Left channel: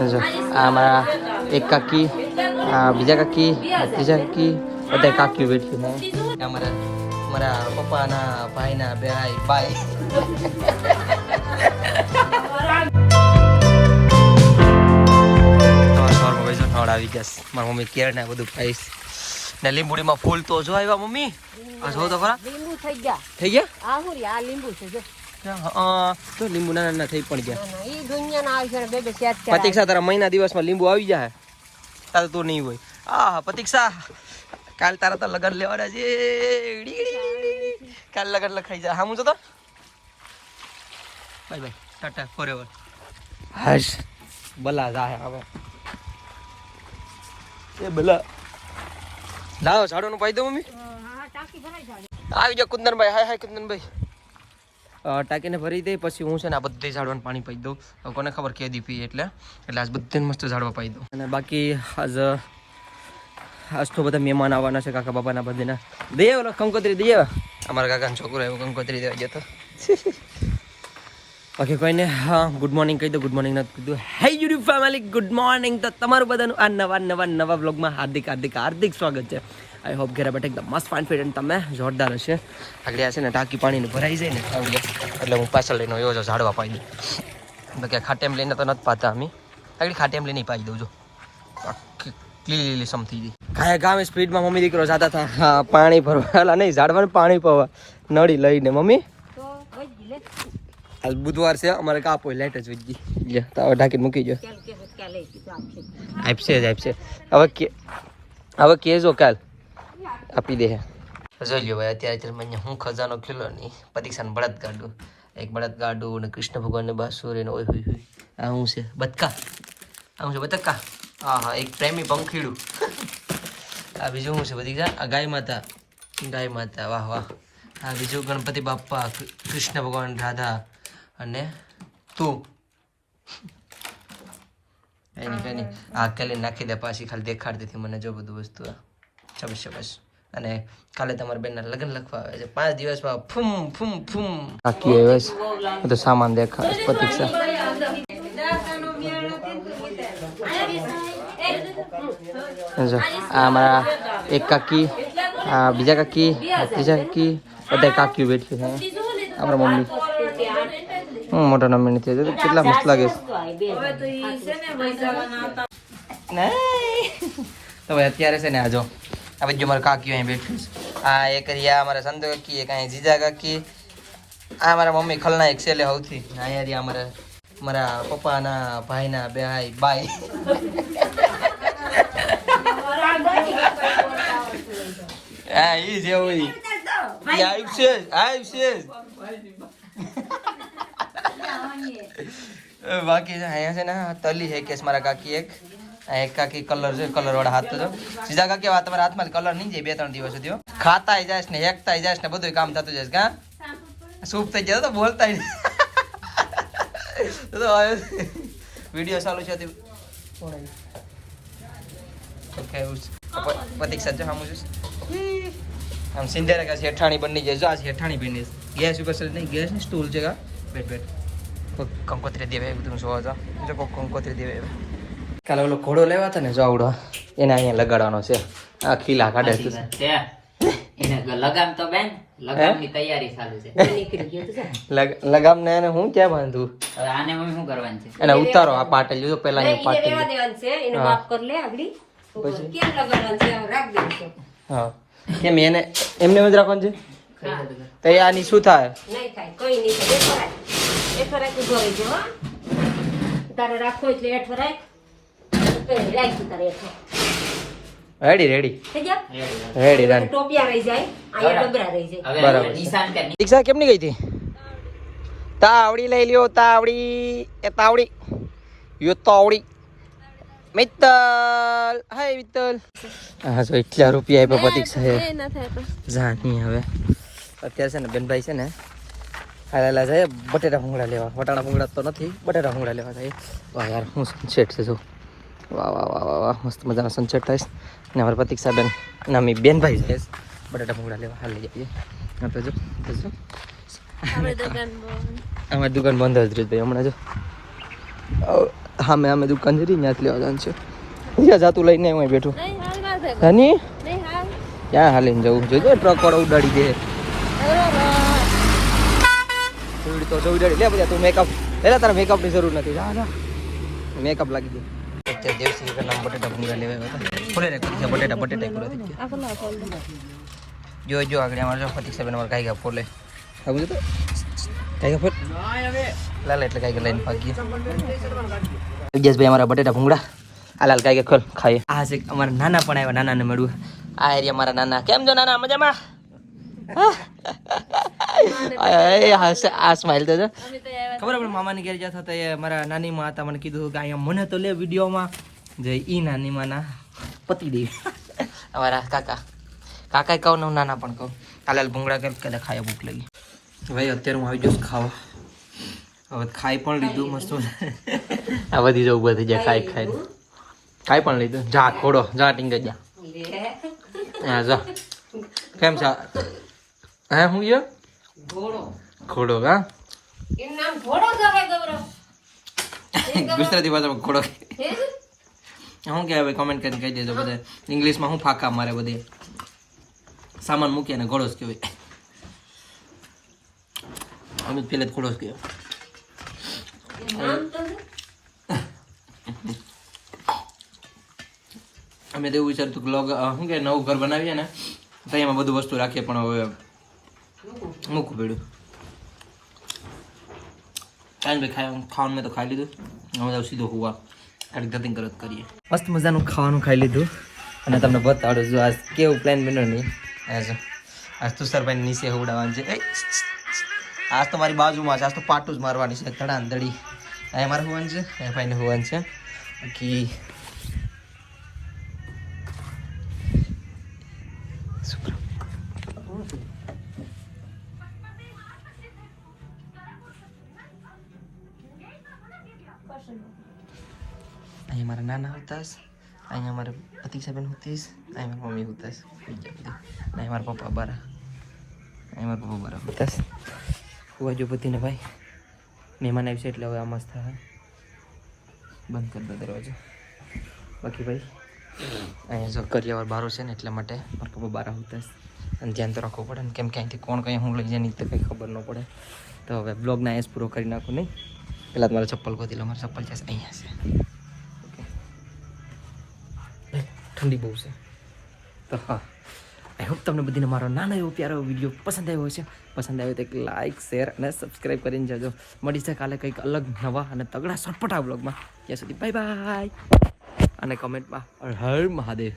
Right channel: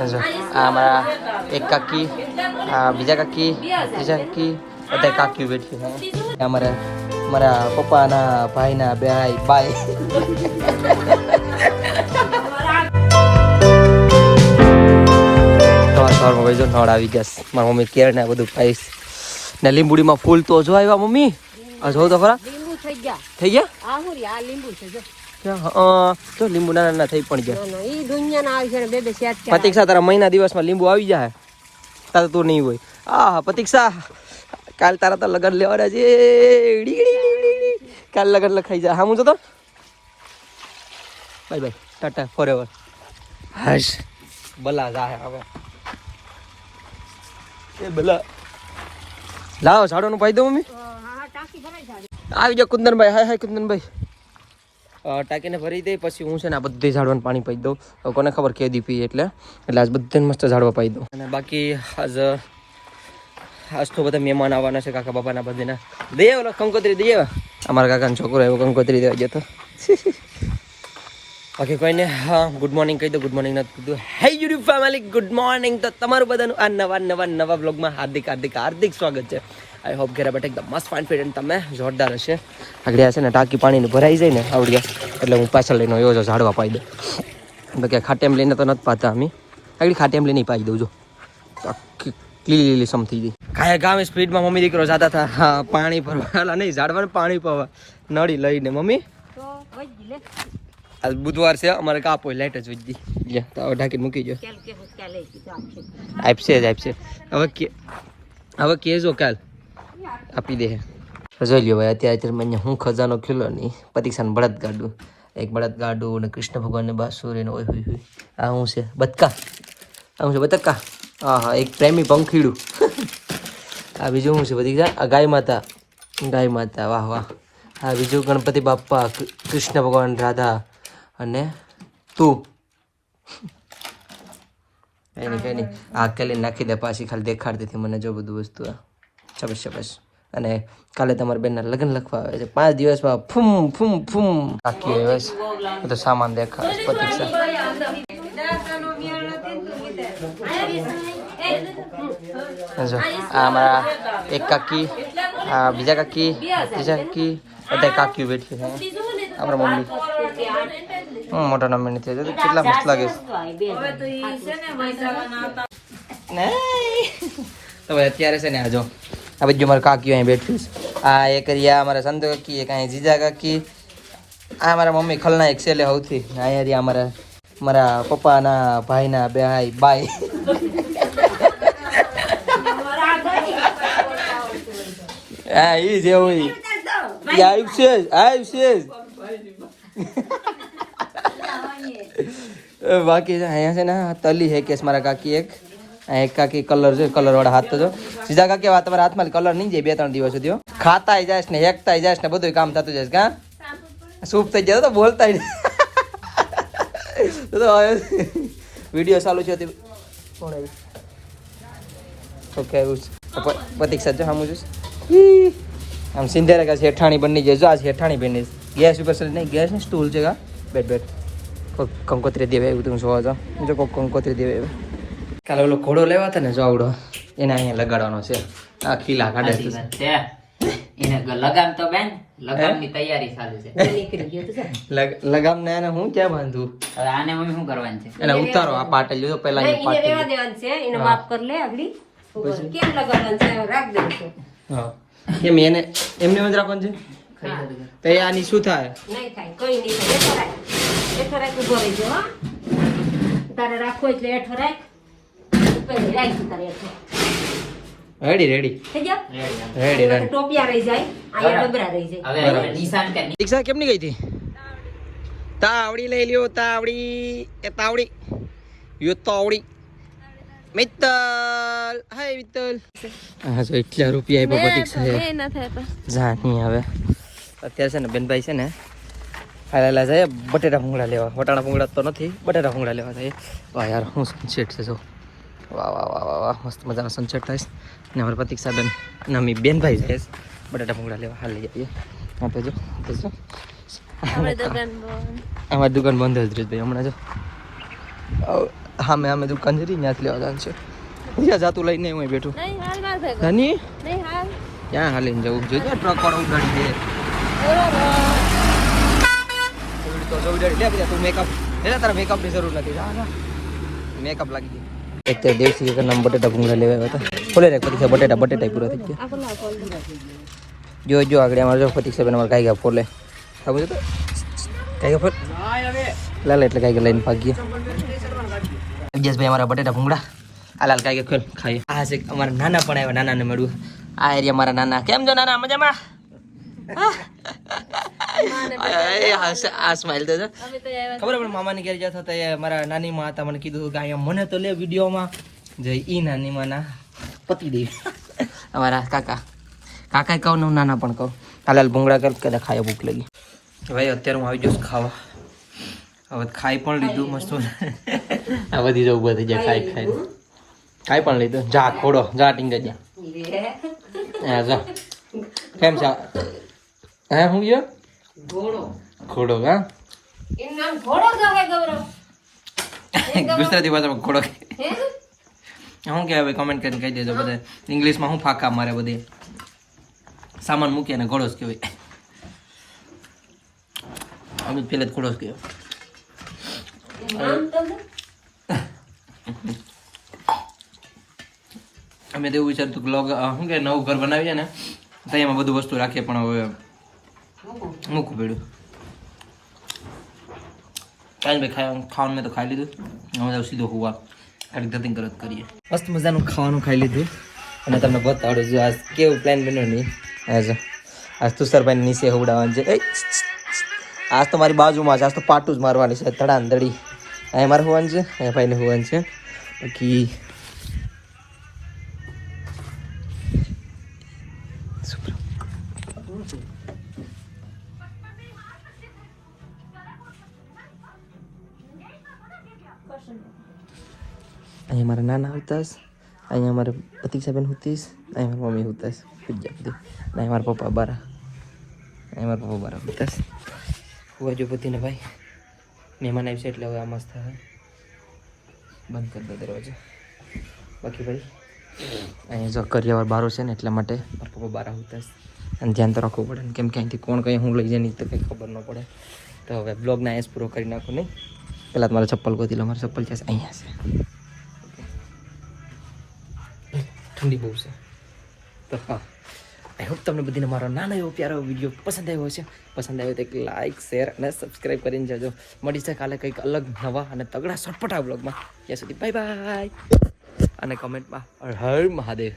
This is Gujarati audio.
એક કાકી, બીજા કાકી, ત્રીજા કાકી, બધા કાકીઓ બેઠી છે. મારા પપ્પાના ભાઈના ભાઈ બાય. નળ આવી જશે. મારા મમ્મી કેળ ને બધું પાઈશ ને લીંબુડીમાં ફૂલ તો જો આવ્યા મમ્મી. આ જો તો ખરા થઈ ગયા. તો લીંબુ નાના થઈ પણ ગયા. પ્રતીક્ષા તારા મહિના દિવસમાં લીંબુ આવી જાય. તારે તો નહીં હોય. હા પ્રતીક્ષા કાલ તારા તો લગન લેવાના છે. કાલ લગન લખાઈ જાય. હા હું તો બાય બાય ટાટા ફોરએવર. હશ બલા જાય હવે એ બલા. લાવો ઝાડોનું પાઈ દો મમ્મી. આવી જાઓ કુંદનભાઈ. હાય હાય કુંદનભાઈ. ટાંકીને ભરી દઈ પછી હું છે ને આ બધે ઝાડવાનું પાણી પાઈ દઉં. કોને ખબર કેદી પી એટલે આજ બધાને મસ્ત ઝાડવા પાઈ દઉં. અને બાકી આજ તો બધા મહેમાન આવવાના છે કાકા બાપાના બધાના. દઈએ ઓલો કંકોત્રી દઈએ. અમારા કાકાનો છોકરો એવો કંકોત્રી દેવા ગયો હતો. બાકી કોઈને હા ગુડ મોર્નિંગ કહી દો. ગુડ મોર્નિંગ નથી કીધું. હે યુટ્યુબ ફેમિલી ગુડ મોર્નિંગ. તો તમારું બધાનું આ નવા બ્લોગમાં હાર્દિક સ્વાગત છે. આઈ હોપ ઘરે બેઠા એકદમ મસ્ત ફાઇન ફિટ અને તમે જોરદાર હશે. આગળ છે ને ટાંકી પાણીની ભરાઈ જાય ને આવડ્યા એટલે હું પાછળ લઈને એવો જો ઝાડવા પાઈ દઉં. તો કે ખાટેમ લઈને તો નથી પાતા અમે. આગળ ખાટેમ લઈને પાઈ દઉં જો લીલી સમ થઈ ગઈ. ગામે સ્પીડમાં મમ્મી દીકરો જતા હતા પાણી ભરવા નહીં ઝાડવાનું પાણી પવા નળી લઈને. મમ્મી આજ બુધવાર છે અમારે કાપ હોય લાઈટ જ વીજ દી તો ઢાંકીને મૂકી જો. આપશે હવે કેજો કાલ આપી દે. જોઈ લ્યો ભાઈ અત્યારે મેં હું ખજાનો ખીલો નહીં. પ્રતીક્ષાને બળદ ગાડું એક બળદ ગાડું ને કૃષ્ણ ભગવાનને બાંસુરી ને ઓય હોય. આ હું છે બતકા. આ હું છે બતકા. હા હા એક પ્રેમી પંખીડું. આ બીજું શું છે પ્રતીક્ષા? આ ગાય માતા વાહ વાહ. હા બીજું ગણપતિ બાપ્પા કૃષ્ણ ભગવાન રાધા અને તું. કઈ નહીં આ કેલી નાખી દે પાછી ખાલી દેખાડતી હતી મને જો બધું વસ્તુ. શાબાશ. અને કાલે તમારા બેનના લગ્ન લખવા આવે છે 5 દિવસમાં ફૂમ બધો સામાન દેખાય. એક કાકી, બીજા કાકી, ત્રીજા કાકી, બધા કાકીઓ બેઠી છે. અમારા મમ્મી મોટો નંબર નથી કેટલા મસ્ત લાગે તો ભાઈ અત્યારે છે ને આજો આ બધી મારા કાકીઓ અહીં બેઠી છે. આ એક રિયા અમારા સંતો કાકી, એક અહીં જીજા કાકી, આ મારા મમ્મી ખલના એક સેલે સૌથી. અહીંયા રિયા મારા પપ્પાના ભાઈના ભાઈ બાય. હા એ જેવું બાકી છે અહીંયા છે ને તલી હે કેસ મારા કાકી એક કાકી કલર છે કલર વાળા હાથ તો જો. સીધા કાકી તમારા હાથમાં કલર નહીં જાય 2-3 દિવસ સુધી. ખાતા જાય ને હેકતા જાય ને બધું કામ થતું જાય. કા સૂપ થઈ જાય તો બોલતા વિડીયો ચાલુ છે પ્રતીક્ષા છે સામું જોઈશ. આમ સિંધેરા કે શેઠાણી બની જાય. જો આ શેઠાણી બની ગેસ ઉપર નહીં ગેસ ને સ્ટૂલ છે. કા બેટ કંકોત્રી દેવે એવું તમે જોવા જાઓ. જો કોઈક કંકોત્રી દેવે કાલે ઓલો ઘોડો લેવા હતા ને જો આવડો એને અહીંયા લગાડવાનો છે. આ ખીલા કાઢે એને લગામ તો બેન લગામની તૈયારી ચાલુ છે. લગામ ને એને હું ક્યાં બાંધું? હવે આને અમે શું કરવાનું છે? એને ઉતારો આ પાટે લીધો પહેલા એને રેવા દેવાનું છે. એને માફ કરી લે આગળી કેમ લગાડવાનું છે રાખ દેવાનું છે. હા કેમ એને એમને જ રાખવાનું છે? તો આની શું થાય? નહીં થાય કોઈ નહીં. એઠો રાખ ઉભો રહેજો. તારે રાખો એટલે એઠો રાખ પછી રાખી તારે એઠો. રેડી થઈ જા રેડી ટોપિયા રહી જાય અહીંયા ડબરા રહી જાય. હવે નિશાન કે દીક્ષા કેમ ની ગઈ હતી? તાવડી લઈ લ્યો તાવડી તાવડી મિત્તલ. હાય મિત્તલ. હા જો એટલા રૂપિયા આપ્યા પ્રતીક્ષા જાની. હવે અત્યારે છે ને બેનભાઈ છે ને હાલેલા જાય બટેટા ભૂંગળા લેવા. વટાણા ભૂંગળા તો નથી બટેટા ભૂંગળા લેવા જાય. વાહ યાર હું સનસેટ છે. મસ્ત મજાનો સનસેટ થાય. અને અમારા પ્રતીક્ષા બેન અને અમે બેનભાઈ જાય બટાટા ભૂંગળા લેવા. હાલ લઈ જઈએ. હા તો જો અમારી દુકાન બંધ જ રહી ભાઈ હમણાં જો. હા મેં અમે દુકાન જરી ત્યાંથી લેવા જવાનું છે પૂરા જાતું લઈને એમાં બેઠું હની ક્યાં હાલીને જવું છે જો ટ્રક વાળો ઉડાડી દે તું મેકઅપ એના તારે મેકઅપની જરૂર નથી મેકઅપ લાગી દે અત્યારે દેવસી કે નામ બટેટા ભૂંગળા લેવા આવ્યા હતા ખોલે રે પરીક્ષા બટેટા પૂરા થઈ ગયા જો આગળ અમારે જો પરીક્ષા બેન અમારે કાંઈ ગયા ફોલે ખબર તો કાંઈ ફોલ લાલ એટલે કાંઈ લઈને ભાગીએ વિજેશભાઈ અમારા બટેટા ભૂંગળા લાલ કાંઈ ખોલ ખાઈએ આ છે અમારા નાના પણ આવ્યા નાનાને મળ્યું આ એરિયા મારા નાના કેમ છો નાના મજામાં આ સ્માઈલ તો ખબર આપણે મામાની ઘેર જતા હતા મારા નાની માં હતા મને કીધું કે અહીંયા મને તો લે વિડીયોમાં જઈ ઈ નાની માના પતિ દે અમારા કાકા કહું ને નાના પણ કહું હાલ ભૂંગળા કે ખાય ભૂખ લાગી ભાઈ અત્યારે હું આવી જઈશ ખાવા હવે ખાઈ પણ લીધું મસ્ત આ બધી જવું બધી જાય ખાઈ પણ લીધું જા ખોડો જા ટીંગે જા જા કેમ છે હે હું ગયો ખોડો હા ગુજરાતી ભાષામાં ખોડો શું કહેવાય કોમેન્ટ કરીને કહી દેજો બધા ઇંગ્લિશમાં શું ફાંકા મારે બધે સામાન મૂકીએ ને ઘોડો જ કહેવાય અમે પેલા જ ખોડો જ કહેવાય અમે તો એવું વિચારતું કે શું કે નવું ઘર બનાવીએ ને તો એમાં બધું વસ્તુ રાખીએ પણ હવે મૂકવું પડ્યું કાંઈ ભાઈ ખાવાનું મેં તો ખાઈ લીધું હવે સીધો હોવા ખાલી ગતિંગ કરત કરીએ મસ્ત મજાનું ખાવાનું ખાઈ લીધું અને તમને બતાડું જો આજ કેવું પ્લાન બન્યો નહીં આજ તુષારભાઈને નીચે હોવડાવવાનું છે આજ તો મારી બાજુમાં છે આજ તો પાટું જ મારવાની છે ધડાન ધડી આ મારે હોવાનું છે એ ભાઈને હોવાનું છે બાકી અહીંયા મારા નાના હોતાસ અહીંયા મારે પ્રતિક્ષાબેન હોતીસ અહીંયા મારી મમ્મી હોતાસ પૂજા બધી અહીંયા મારા પપ્પા બારા અહીંયા મારા પપ્પા બારા હોતાસ હુવા જો બધીને ભાઈ મહેમાન આવશે એટલે હવે આ મસ્ત થાય બંધ કરી દો દરવાજો બાકી ભાઈ અહીંયા જો કરિયાવર બારો છે ને એટલા માટે મારા પપ્પા બારા હોતાસ અને ધ્યાન તો રાખવું પડે ને કેમ કે અહીંથી કોણ કંઈ હું લઈ જાય નીચે કંઈ ખબર ન પડે તો હવે બ્લોગને અહીંયા પૂરો કરી નાખું નહીં પહેલાં મારા ચપ્પલ ગોતી લો મારા ચપ્પલ છે અહીંયા છે ઠંડી બહુ છે તો હા આઈ હોપ તમને બધીને મારો નાનો એવો પ્યારો વિડીયો પસંદ આવ્યો છે પસંદ આવ્યો તો એક લાઇક શેર અને સબસ્ક્રાઈબ કરીને જજો મળી છે કાલે કંઈક અલગ નવા અને તગડા સટપટા બ્લોગમાં ત્યાં સુધી બાય બાય અને કમેન્ટમાં હર મહાદેવ